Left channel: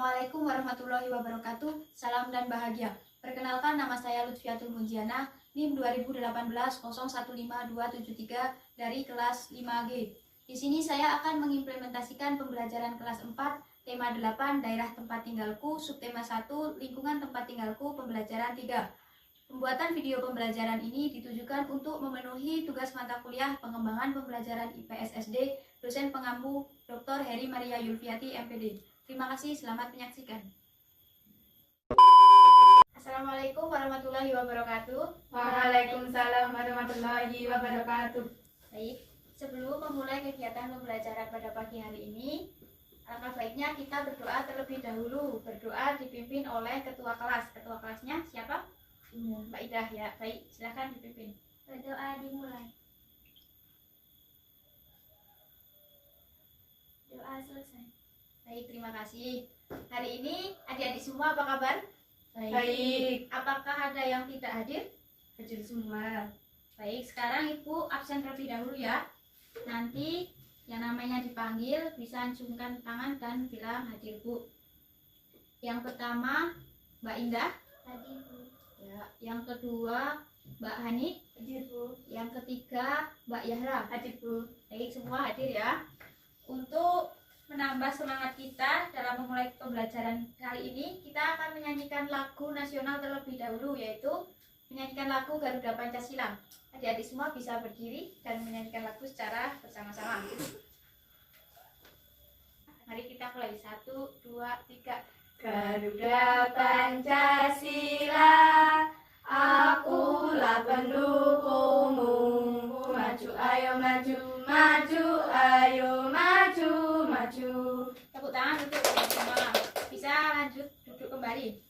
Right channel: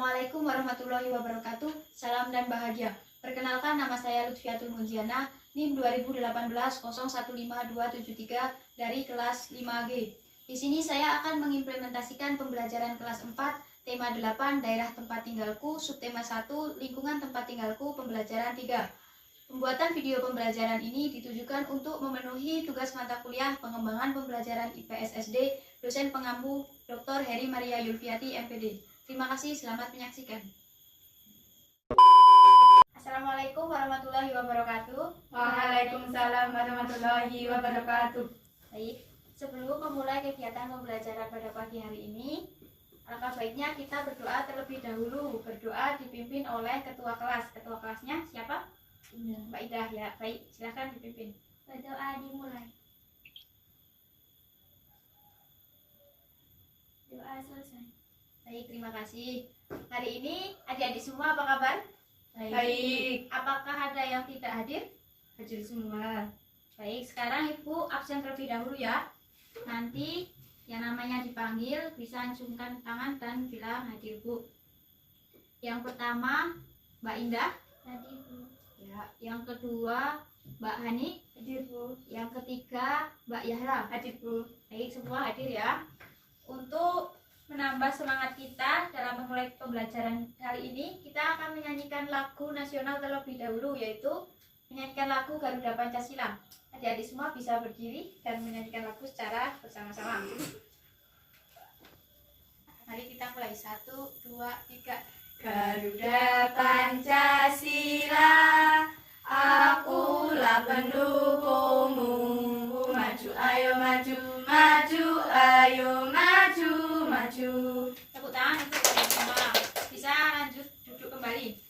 Assalamualaikum warahmatullahi wabarakatuh. Salam dan bahagia. Perkenalkan, nama saya Lutfiatul Mujiana, NIM 2018015273 dari kelas 5G. Di sini saya akan mengimplementasikan pembelajaran kelas 4, tema 8, daerah tempat tinggalku, subtema 1, lingkungan tempat tinggalku, pembelajaran 3. Pembuatan video pembelajaran ini ditujukan untuk memenuhi tugas mata kuliah pengembangan pembelajaran IPS SD, dosen pengampu Dr. Heri Maria Yulfiati, MPD. Terima kasih, selamat menyaksikan. Assalamualaikum warahmatullahi wabarakatuh. Waalaikumsalam warahmatullahi wabarakatuh. Baik, sebelum memulai kegiatan pembelajaran pada pagi hari ini, alangkah baiknya kita berdoa terlebih dahulu. Berdoa dipimpin oleh ketua kelas. Ketua kelasnya siapa? Mbak Idah ya. Baik, silakan dipimpin. Berdoa dimulai. Doa selesai. Baik, terima kasih. Hari ini adik-adik semua apa kabar? Baik. Apakah ada yang tidak hadir? Hadir semua. Baik, sekarang Ibu absen terlebih dahulu ya. Nanti yang namanya dipanggil bisa acungkan tangan dan bilang hadir, Bu. Yang pertama Mbak Indah. Hadir, Bu. Ya, yang kedua Mbak Hani. Hadir, Bu. Yang ketiga Mbak Yahra. Hadir, Bu. Baik, semua hadir ya. Untuk menambah semangat kita dalam memulai pembelajaran kali ini, kita akan menyanyikan lagu nasional terlebih dahulu, yaitu menyanyikan lagu Garuda Pancasila. Adik-adik semua bisa berdiri dan menyanyikan lagu secara bersama-sama. Mari kita mulai. 1, 2, 3. Garuda Pancasila, akulah pendukungmu. Maju, ayo maju, maju, ayo maju, maju. Tepuk tangan untuk adik semua. Bisa lanjut duduk kembali.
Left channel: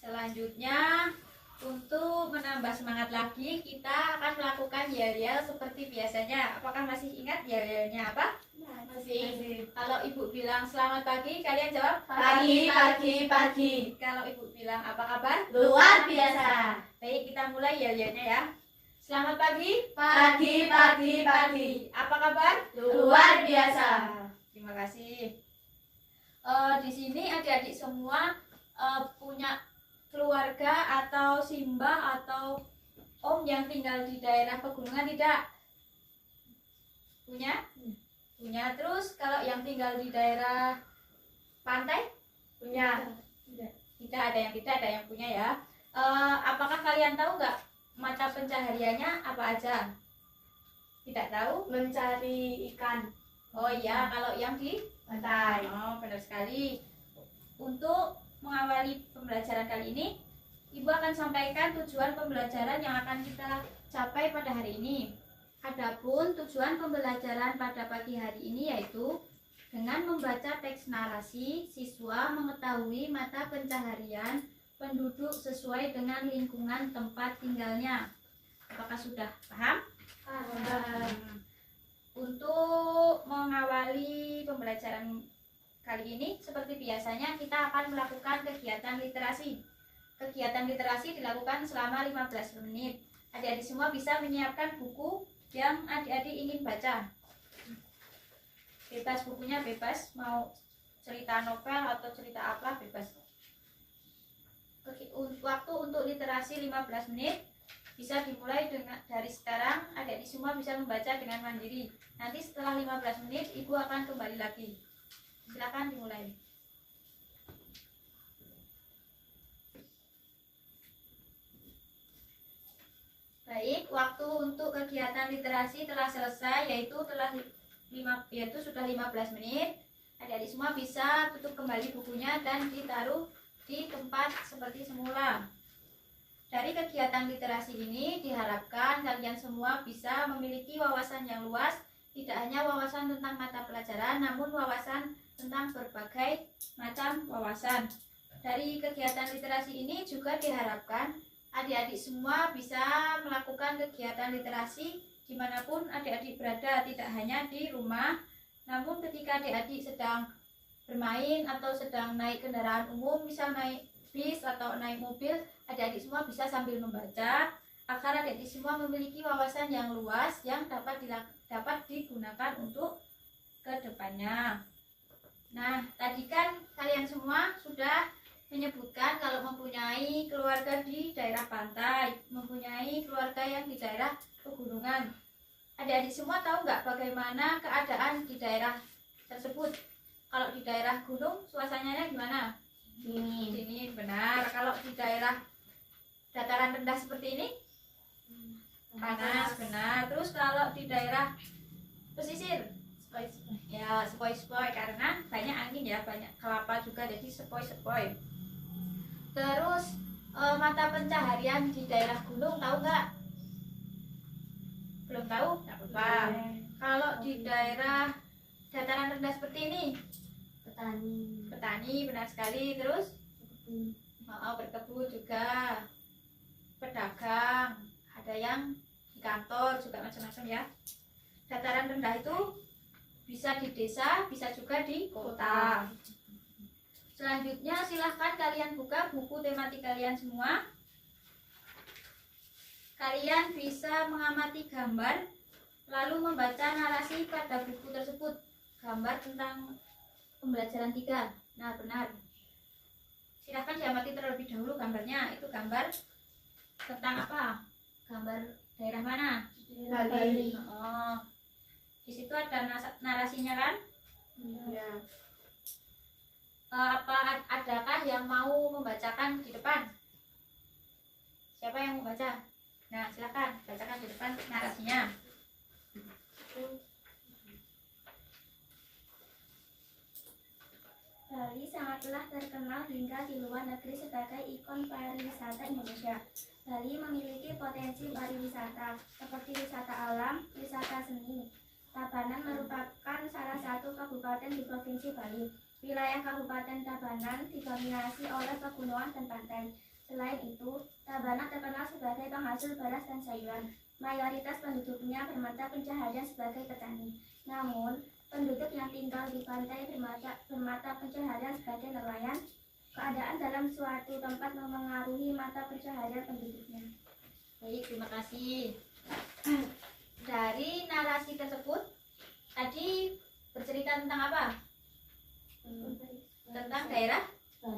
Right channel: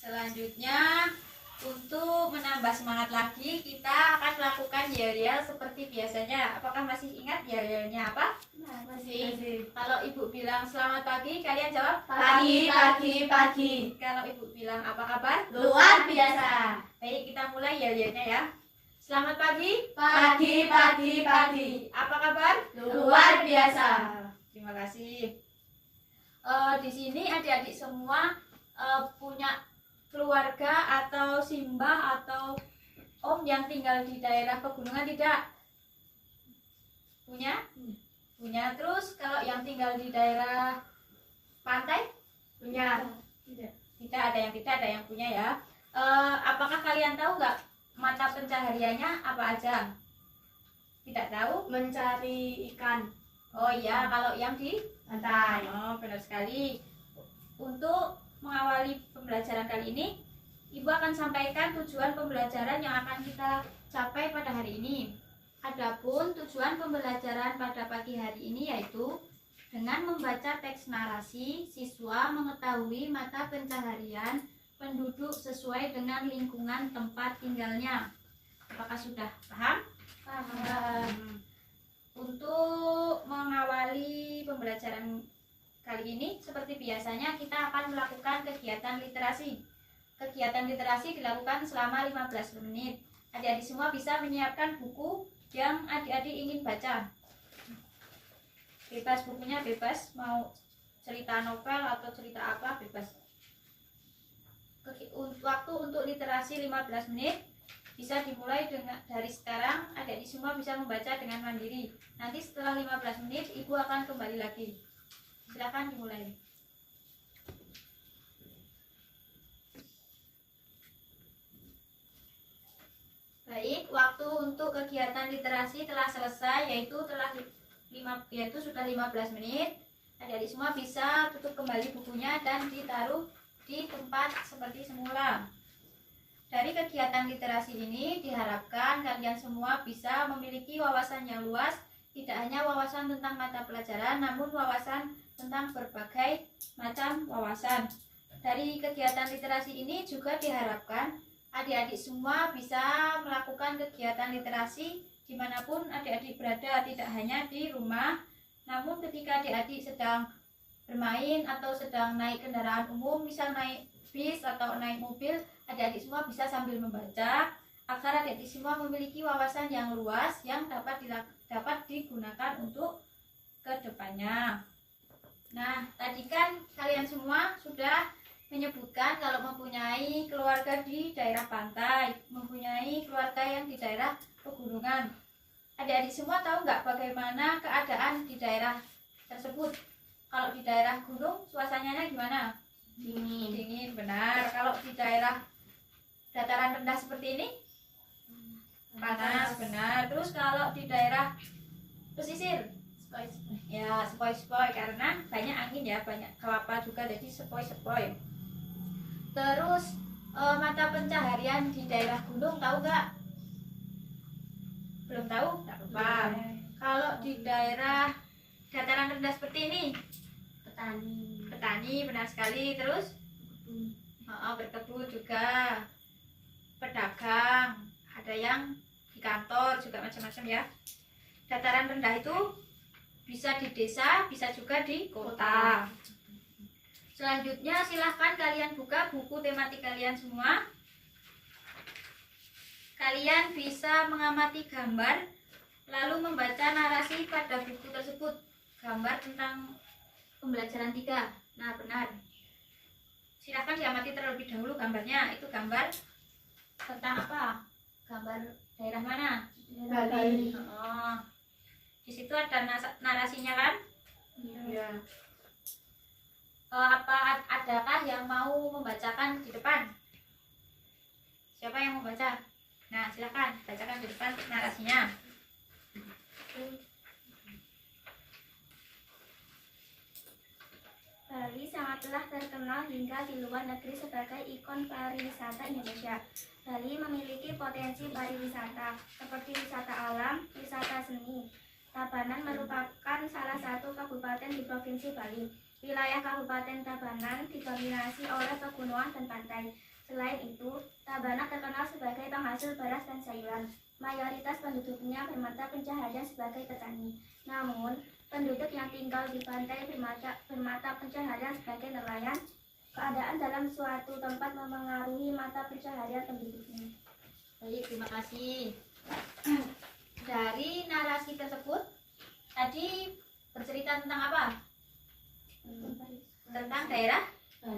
Selanjutnya, untuk menambah semangat lagi, kita akan melakukan yel-yel seperti biasanya. Apakah masih ingat yel-yelnya apa? Masih. Kalau Ibu bilang selamat pagi, kalian jawab Pagi, pagi, pagi. Kalau Ibu bilang apa kabar? Luar biasa. Baik, kita mulai yel-yelnya ya. Selamat pagi. Pagi, pagi, pagi. Apa kabar? Luar biasa. Terima kasih. Di sini adik-adik semua punya keluarga atau simbah atau om yang tinggal di daerah pegunungan tidak? Punya? Punya. Terus kalau yang tinggal di daerah pantai? Punya. Tidak, ada yang tidak, ada yang punya ya. Apakah kalian tahu nggak mata pencahariannya apa aja? Tidak tahu? Mencari ikan. Oh iya, kalau yang di Pantai. Oh, benar sekali. Untuk mengawali pembelajaran kali ini, Ibu akan sampaikan tujuan pembelajaran yang akan kita capai pada hari ini. Adapun tujuan pembelajaran pada pagi hari ini yaitu dengan membaca teks narasi, siswa mengetahui mata pencaharian penduduk sesuai dengan lingkungan tempat tinggalnya. Apakah sudah paham? Untuk mengawali pembelajaran kali ini, seperti biasanya kita akan melakukan kegiatan literasi. Kegiatan literasi dilakukan selama 15 menit. Adik-adik semua bisa menyiapkan buku yang adik-adik ingin baca. Bebas, bukunya bebas, mau cerita novel atau cerita apa bebas. Waktu untuk literasi 15 menit bisa dimulai dari sekarang. Adik-adik semua bisa membaca dengan mandiri. Nanti setelah 15 menit Ibu akan kembali lagi. Silakan dimulai. Baik, waktu untuk kegiatan literasi telah selesai, yaitu sudah 15 menit. Adik-adik semua bisa tutup kembali bukunya dan ditaruh di tempat seperti semula. Dari kegiatan literasi ini diharapkan kalian semua bisa memiliki wawasan yang luas, tidak hanya wawasan tentang mata pelajaran, namun wawasan tentang berbagai macam wawasan. Dari kegiatan literasi ini juga diharapkan adik-adik semua bisa melakukan kegiatan literasi dimanapun adik-adik berada, tidak hanya di rumah, namun ketika adik-adik sedang bermain atau sedang naik kendaraan umum, misal naik bis atau naik mobil, adik-adik semua bisa sambil membaca agar adik-adik semua memiliki wawasan yang luas yang dapat digunakan untuk kedepannya. Nah, tadi kan kalian semua sudah menyebutkan kalau mempunyai keluarga di daerah pantai, mempunyai keluarga yang di daerah pegunungan. Adik-adik semua tahu nggak bagaimana keadaan di daerah tersebut? Kalau di daerah gunung, suasananya gimana? Dingin. Dingin, benar. Kalau di daerah dataran rendah seperti ini, panas, benar. Terus kalau di daerah pesisir, ya sepoi-sepoi karena banyak angin ya, banyak kelapa juga, jadi sepoi-sepoi. Terus mata pencaharian di daerah gunung tahu nggak? Belum tahu? Nggak apa-apa. Kalau di daerah dataran rendah seperti ini, petani, benar sekali. Terus berkebun juga, pedagang, ada yang di kantor juga, macam-macam ya. Dataran rendah itu bisa di desa, bisa juga di kota. Selanjutnya silahkan kalian buka buku tematik kalian semua. Kalian bisa mengamati gambar lalu membaca narasi pada buku tersebut. Gambar tentang pembelajaran 3. Nah, benar. Silahkan diamati terlebih dahulu gambarnya. Itu gambar tentang apa? Gambar daerah mana? Bali. Oh, di situ ada narasinya kan? Ya. Adakah yang mau membacakan di depan? Siapa yang mau baca? Nah, silakan bacakan di depan narasinya. Bali sangatlah terkenal hingga di luar negeri sebagai ikon pariwisata Indonesia. Bali memiliki potensi pariwisata seperti wisata alam, wisata seni. Tabanan merupakan salah satu kabupaten di Provinsi Bali. Wilayah Kabupaten Tabanan didominasi oleh pegunungan dan pantai. Selain itu, Tabanan terkenal sebagai penghasil beras dan sayuran. Mayoritas penduduknya bermata pencaharian sebagai petani. Namun, penduduk yang tinggal di pantai bermata pencaharian sebagai nelayan. Keadaan dalam suatu tempat memengaruhi mata pencaharian penduduknya. Baik, terima kasih. Dari narasi tersebut tadi bercerita tentang apa? Tentang daerah? Oh,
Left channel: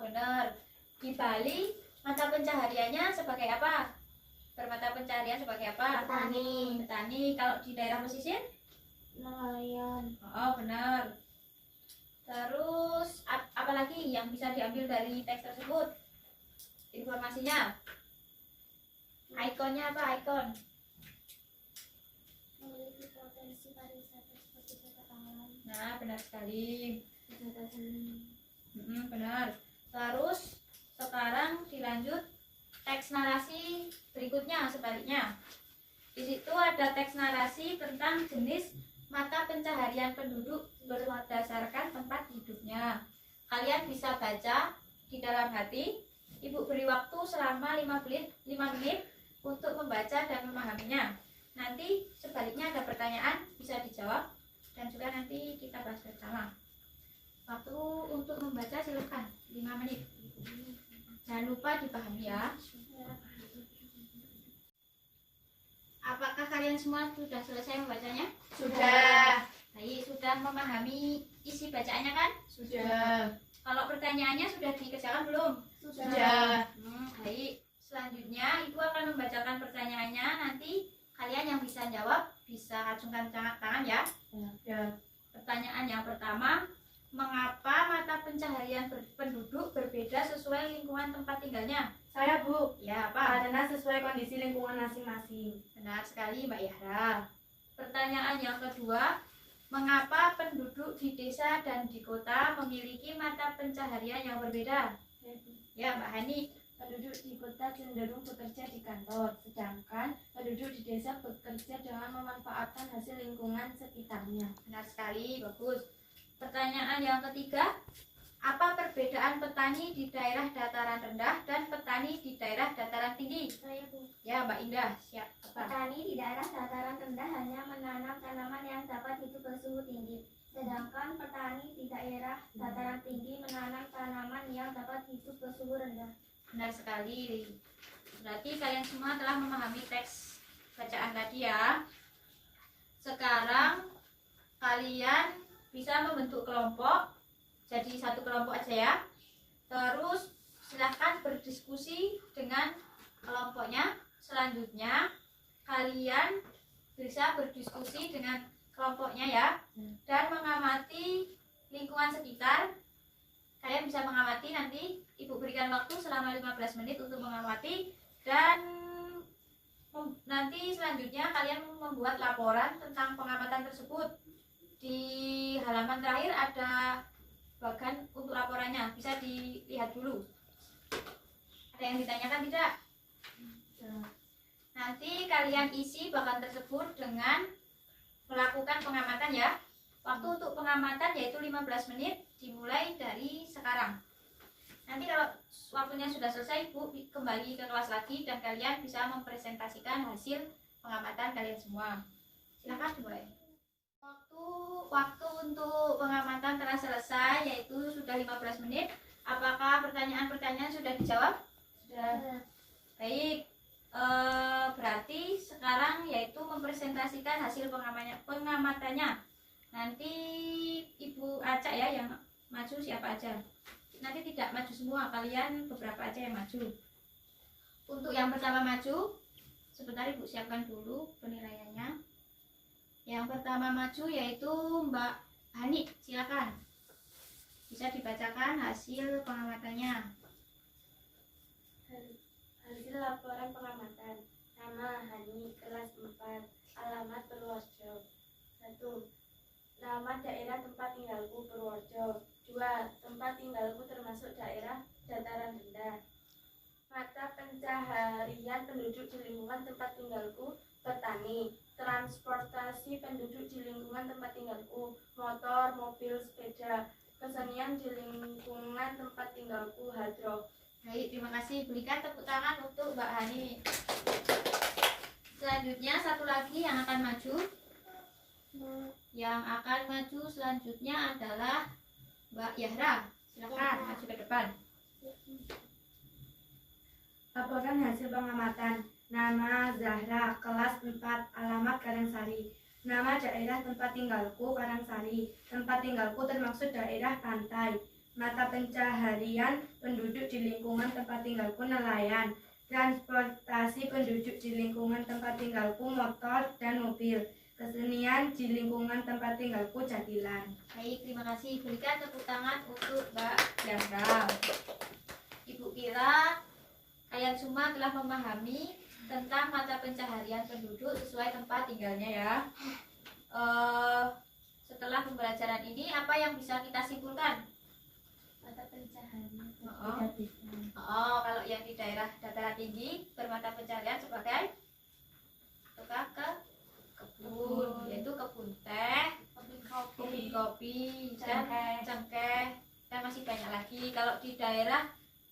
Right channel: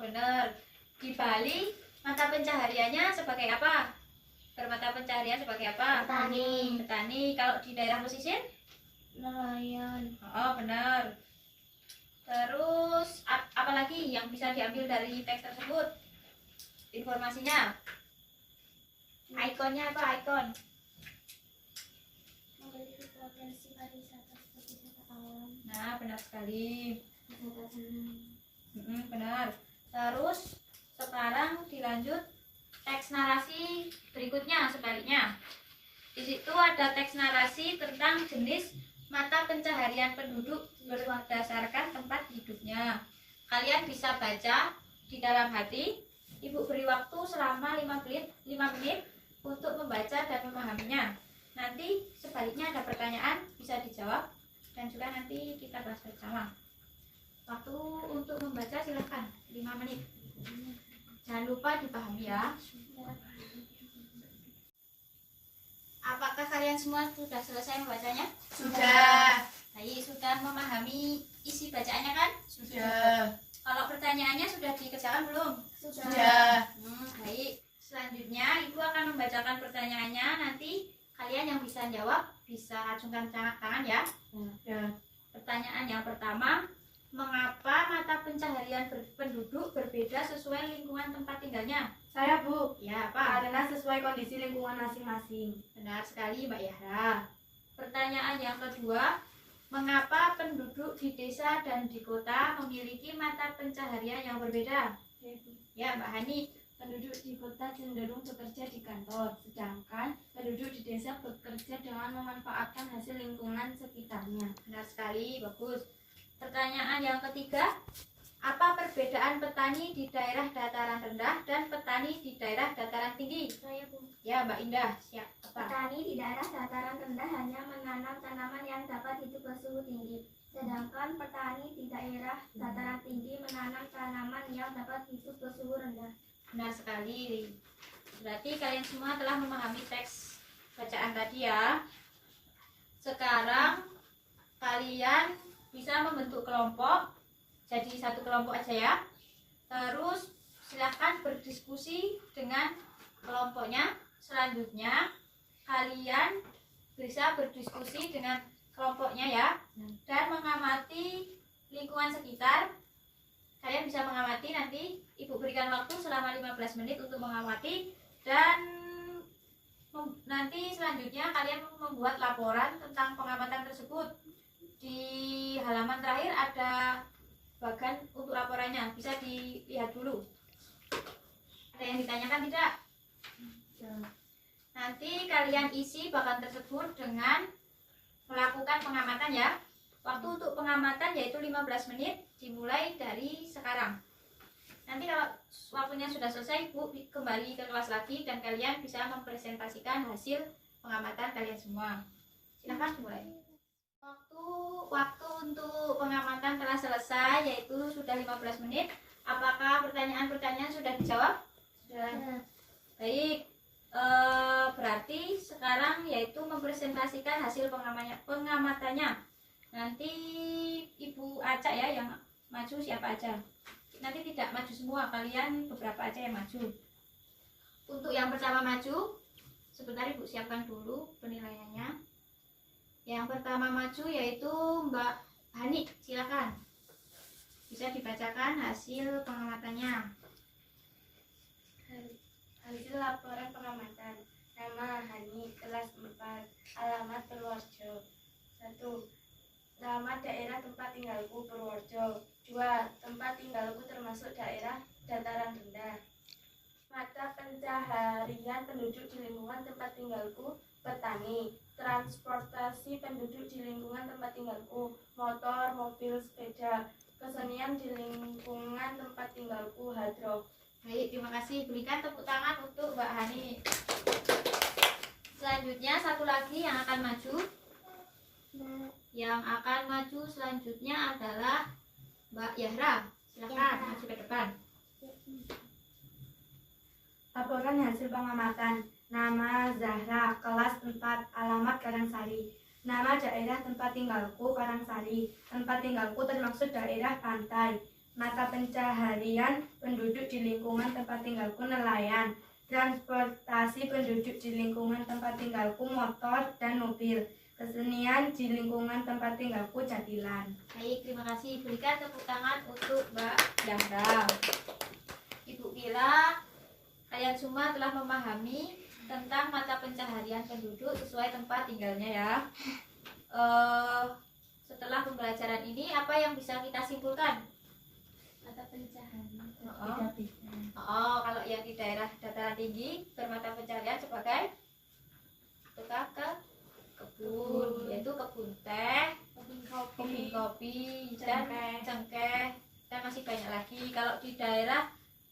benar. Di Bali mata pencahariannya sebagai apa? Bermata pencaharian sebagai apa? Petani. Petani. Kalau di daerah pesisir? Nelayan. Oh, benar. Terus apa lagi yang bisa diambil dari teks tersebut? Informasinya? Ikonnya apa? Ikon? Memiliki potensi pariwisata seperti wisata alam, Nah, benar sekali. wisata seni. Benar. Terus sekarang dilanjut teks narasi berikutnya sebaliknya. Di situ ada teks narasi tentang jenis mata pencaharian penduduk berdasarkan tempat hidupnya. Kalian bisa baca di dalam hati. Ibu beri waktu selama 5 menit untuk membaca dan memahaminya. Nanti sebaliknya ada pertanyaan bisa dijawab dan juga nanti kita bahas bersama. Waktu untuk membaca silahkan 5 menit. Jangan lupa dipahami ya. Apakah kalian semua sudah selesai membacanya? Sudah. Baik, sudah memahami isi bacaannya kan? Sudah. Kalau pertanyaannya sudah dikerjakan belum? Sudah. Baik, selanjutnya Ibu akan membacakan pertanyaannya. Nanti kalian yang bisa jawab bisa acungkan tangan ya. Ya. Pertanyaan yang pertama, mengapa mata pencaharian penduduk berbeda sesuai lingkungan tempat tinggalnya? Saya, Bu. Ya, apa? Karena sesuai kondisi lingkungan masing-masing. Benar sekali, Mbak Yahra. Pertanyaan yang kedua, mengapa penduduk di desa dan di kota memiliki mata pencaharian yang berbeda? Ya, Mbak Hani. Penduduk di kota cenderung bekerja di kantor, sedangkan penduduk di desa bekerja dengan memanfaatkan hasil lingkungan sekitarnya. Benar sekali, bagus. Pertanyaan yang ketiga, apa perbedaan petani di daerah dataran rendah dan petani di daerah dataran tinggi? Saya, Bu. Ya, Mbak Indah, siap. Apa? Petani di daerah dataran rendah hanya menanam tanaman yang dapat hidup bersuhu tinggi, sedangkan petani di daerah dataran tinggi menanam tanaman yang dapat hidup bersuhu rendah. Benar sekali. Berarti kalian semua telah memahami teks bacaan tadi ya. Sekarang kalian bisa membentuk kelompok, jadi satu kelompok aja ya. Terus silahkan berdiskusi dengan kelompoknya. Selanjutnya kalian bisa berdiskusi dengan kelompoknya ya, dan mengamati lingkungan sekitar. Kalian bisa mengamati, nanti ibu berikan waktu selama 15 menit untuk mengamati, dan nanti selanjutnya kalian membuat laporan tentang pengamatan tersebut. Di halaman terakhir ada bagan untuk laporannya, bisa dilihat dulu. Ada yang ditanyakan tidak? Nanti kalian isi bagan tersebut dengan melakukan pengamatan ya. Waktu untuk pengamatan yaitu 15 menit, dimulai dari sekarang. Nanti kalau waktunya sudah selesai, Bu kembali ke kelas lagi dan kalian bisa mempresentasikan hasil pengamatan kalian semua. Silahkan dimulai. Waktu untuk pengamatan telah selesai, yaitu sudah 15 menit. Apakah pertanyaan-pertanyaan sudah dijawab? Sudah. Baik. Berarti sekarang yaitu mempresentasikan hasil pengamatannya. Nanti Ibu acak ya yang maju siapa aja. Nanti tidak maju semua, kalian beberapa aja yang maju. Untuk yang pertama maju, sebentar Ibu siapkan dulu penilaiannya. Yang pertama maju yaitu Mbak Hani, silakan. Bisa dibacakan hasil pengamatannya. Hasil laporan pengamatan. Nama Hani, kelas 4, alamat Purworejo. 1. Nama daerah tempat tinggalku Purworejo. 2. Tempat tinggalku termasuk daerah dataran rendah. Mata pencaharian penduduk di lingkungan tempat tinggalku petani. Transportasi penduduk di lingkungan tempat tinggalku motor, mobil, sepeda. Kesenian di lingkungan tempat tinggalku hadroh. Baik, terima kasih. Berikan tepuk tangan untuk Mbak Hani. Selanjutnya satu lagi yang akan maju. Yang akan maju selanjutnya adalah Mbak Yahra. Silakan maju ke depan. Laporan hasil pengamatan. Nama Zahra, kelas 4, alamat Karangsari. Nama daerah tempat tinggalku Karangsari. Tempat tinggalku termasuk daerah pantai. Mata pencaharian penduduk di lingkungan tempat tinggalku nelayan. Transportasi penduduk di lingkungan tempat tinggalku motor dan mobil. Kesenian di lingkungan tempat tinggalku jadilan. Baik, terima kasih. Berikan tepuk tangan untuk Mbak Yahra. Ibu kira kalian semua telah memahami tentang mata pencaharian penduduk sesuai tempat tinggalnya ya. Setelah pembelajaran ini, apa yang bisa kita simpulkan? Mata pencaharian Kalau yang di daerah dataran tinggi bermata pencaharian sebagai tukang kebun, yaitu kebun teh, kebun kopi, dan cengkeh, dan masih banyak lagi. Kalau di daerah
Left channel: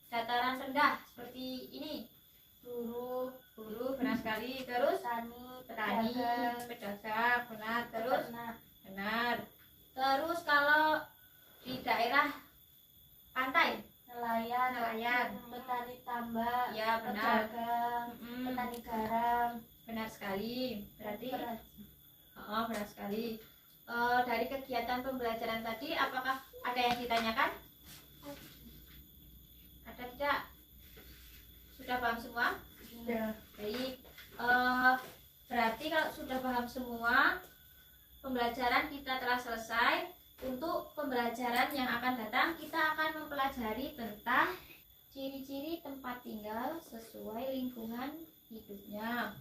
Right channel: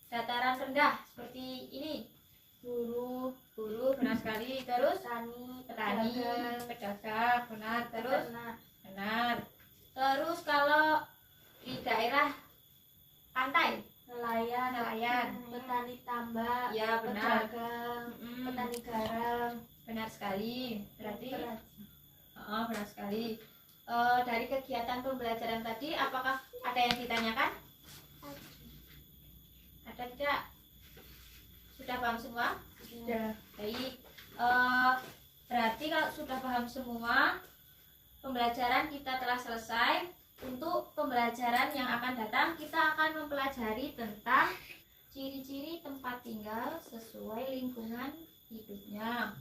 dataran rendah seperti ini, buruh benar sekali. Terus petani, pedagang, benar. Terus benar. Terus kalau di daerah pantai, nelayan, Petani tambak, ya benar. pedagang, Mm-mm. petani garam. Benar sekali. Berarti Berat. benar sekali. Dari kegiatan pembelajaran tadi, apakah ada yang ditanyakan? Ada tidak? Sudah paham semua? Sudah. Baik. Berarti kalau sudah paham semua, pembelajaran kita telah selesai. Untuk pembelajaran yang akan datang, kita akan mempelajari tentang ciri-ciri tempat tinggal sesuai lingkungan hidupnya.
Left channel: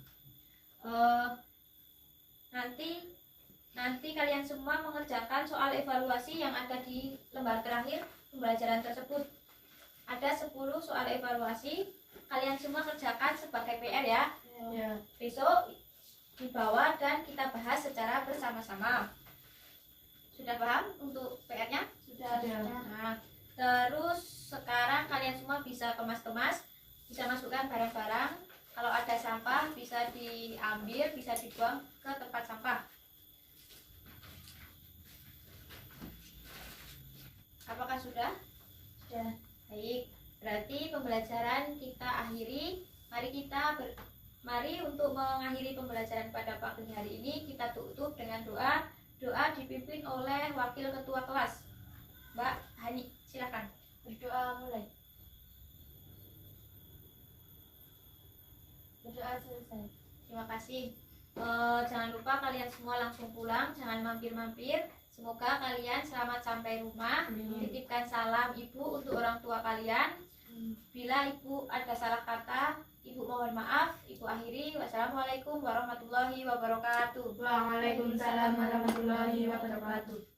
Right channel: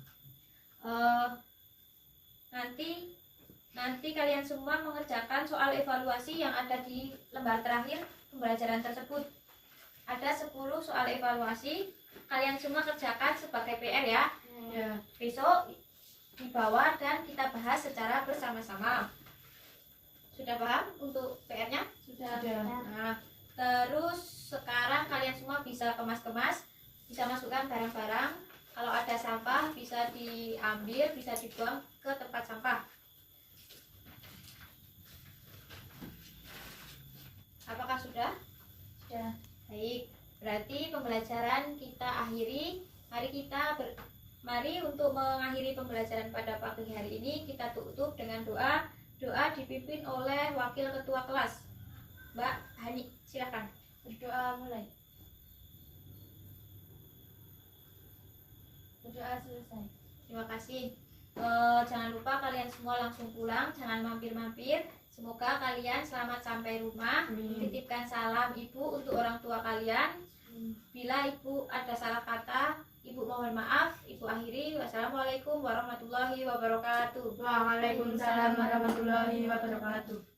Nanti kalian semua mengerjakan soal evaluasi yang ada di lembar terakhir pembelajaran tersebut. Ada 10 soal evaluasi. Kalian semua kerjakan sebagai PR ya. Ya. Besok dibawa dan kita bahas secara bersama-sama. Sudah paham untuk PR-nya? Sudah. Nah, terus sekarang kalian semua bisa kemas-kemas, bisa masukkan barang-barang. Kalau ada sampah bisa diambil, bisa dibuang ke tempat sampah. Apakah sudah? Sudah. Baik, berarti pembelajaran kita akhiri. Mari untuk mengakhiri pembelajaran pada pagi hari ini kita tutup dengan doa. Doa dipimpin oleh Wakil Ketua Kelas, Mbak Hani. Silakan. Berdoa mulai. Berdoa selesai. Terima kasih. Jangan lupa kalian semua langsung pulang, jangan mampir-mampir. Semoga kalian selamat sampai rumah. Titipkan salam ibu untuk orang tua kalian. Bila ibu ada salah kata, ibu mohon maaf. Ibu akhiri. Wassalamualaikum warahmatullahi wabarakatuh. Waalaikumsalam warahmatullahi wabarakatuh.